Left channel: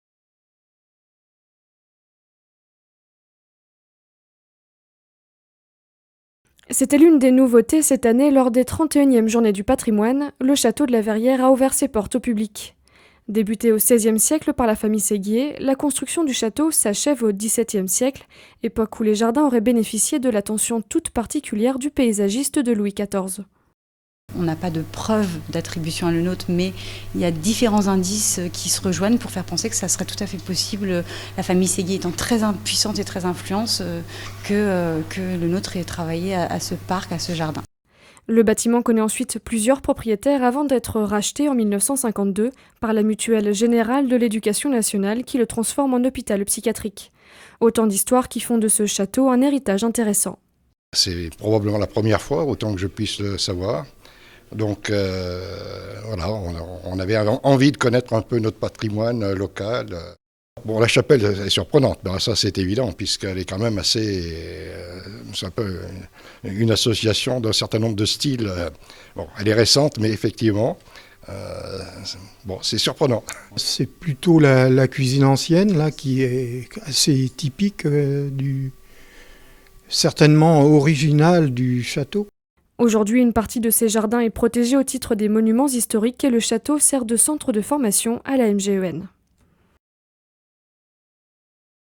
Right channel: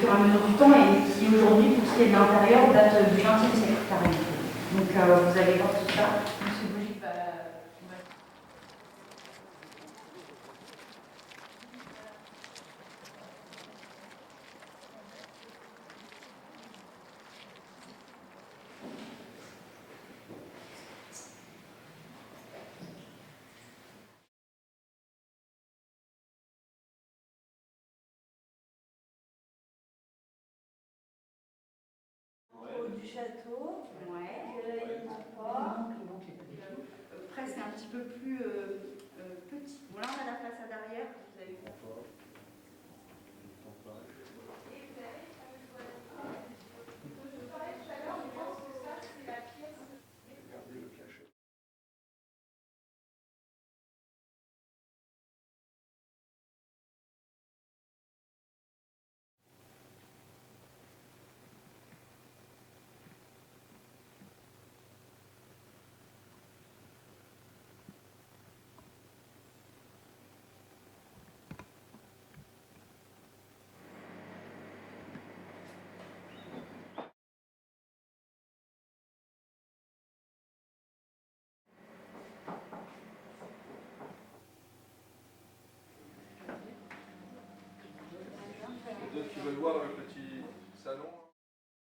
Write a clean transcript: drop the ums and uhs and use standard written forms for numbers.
fur et à mesure du temps et qui aujourd'hui, pour ce qui est de l'intérieur, date du XXe siècle carrément. Donc vous allez voir tout ça. C'était l'une des nouveautés cette année lors des 31e Journées du patrimoine. Le château de la Verrière a ouvert ses portes au public. Débuté au XVIe siècle par la famille Séguier, la construction du château s'achève au XVIIe siècle, époque où les jardins auraient bénéficié de l'attention toute particulière du paysagiste de Louis XIV. On n'a pas de preuve d'attribution à l'un autre, mais il y a différents indices qui se rejoignent pour faire penser que ça serait tout à fait possible, la famille Séguier étant très puissante et très influente, que le nôtre ait travaillé à ce parc, à ce jardin. Le bâtiment connaît ensuite plusieurs propriétaires avant d'être racheté en 1952 par la Mutuelle Générale de l'Éducation nationale qui le transforme en hôpital psychiatrique. Autant d'histoires qui font de ce château un héritage intéressant. C'est probablement la première fois, autant que je puisse le savoir. Donc voilà, on avait envie de connaître un peu notre patrimoine local. Bon, la chapelle est surprenante, ben, ça c'est évident, puisqu'elle est quand même assez... c'est un peu une association d'un certain nombre de styles. Bon, elle est récente, mais effectivement, bon, c'est surprenant. C'est plutôt la cuisine ancienne, là, qui est assez typique, certainement originale du château. Aujourd'hui, une partie de ces jardins est protégée au titre des monuments historiques et le château sert de centre de formation à la MGEN.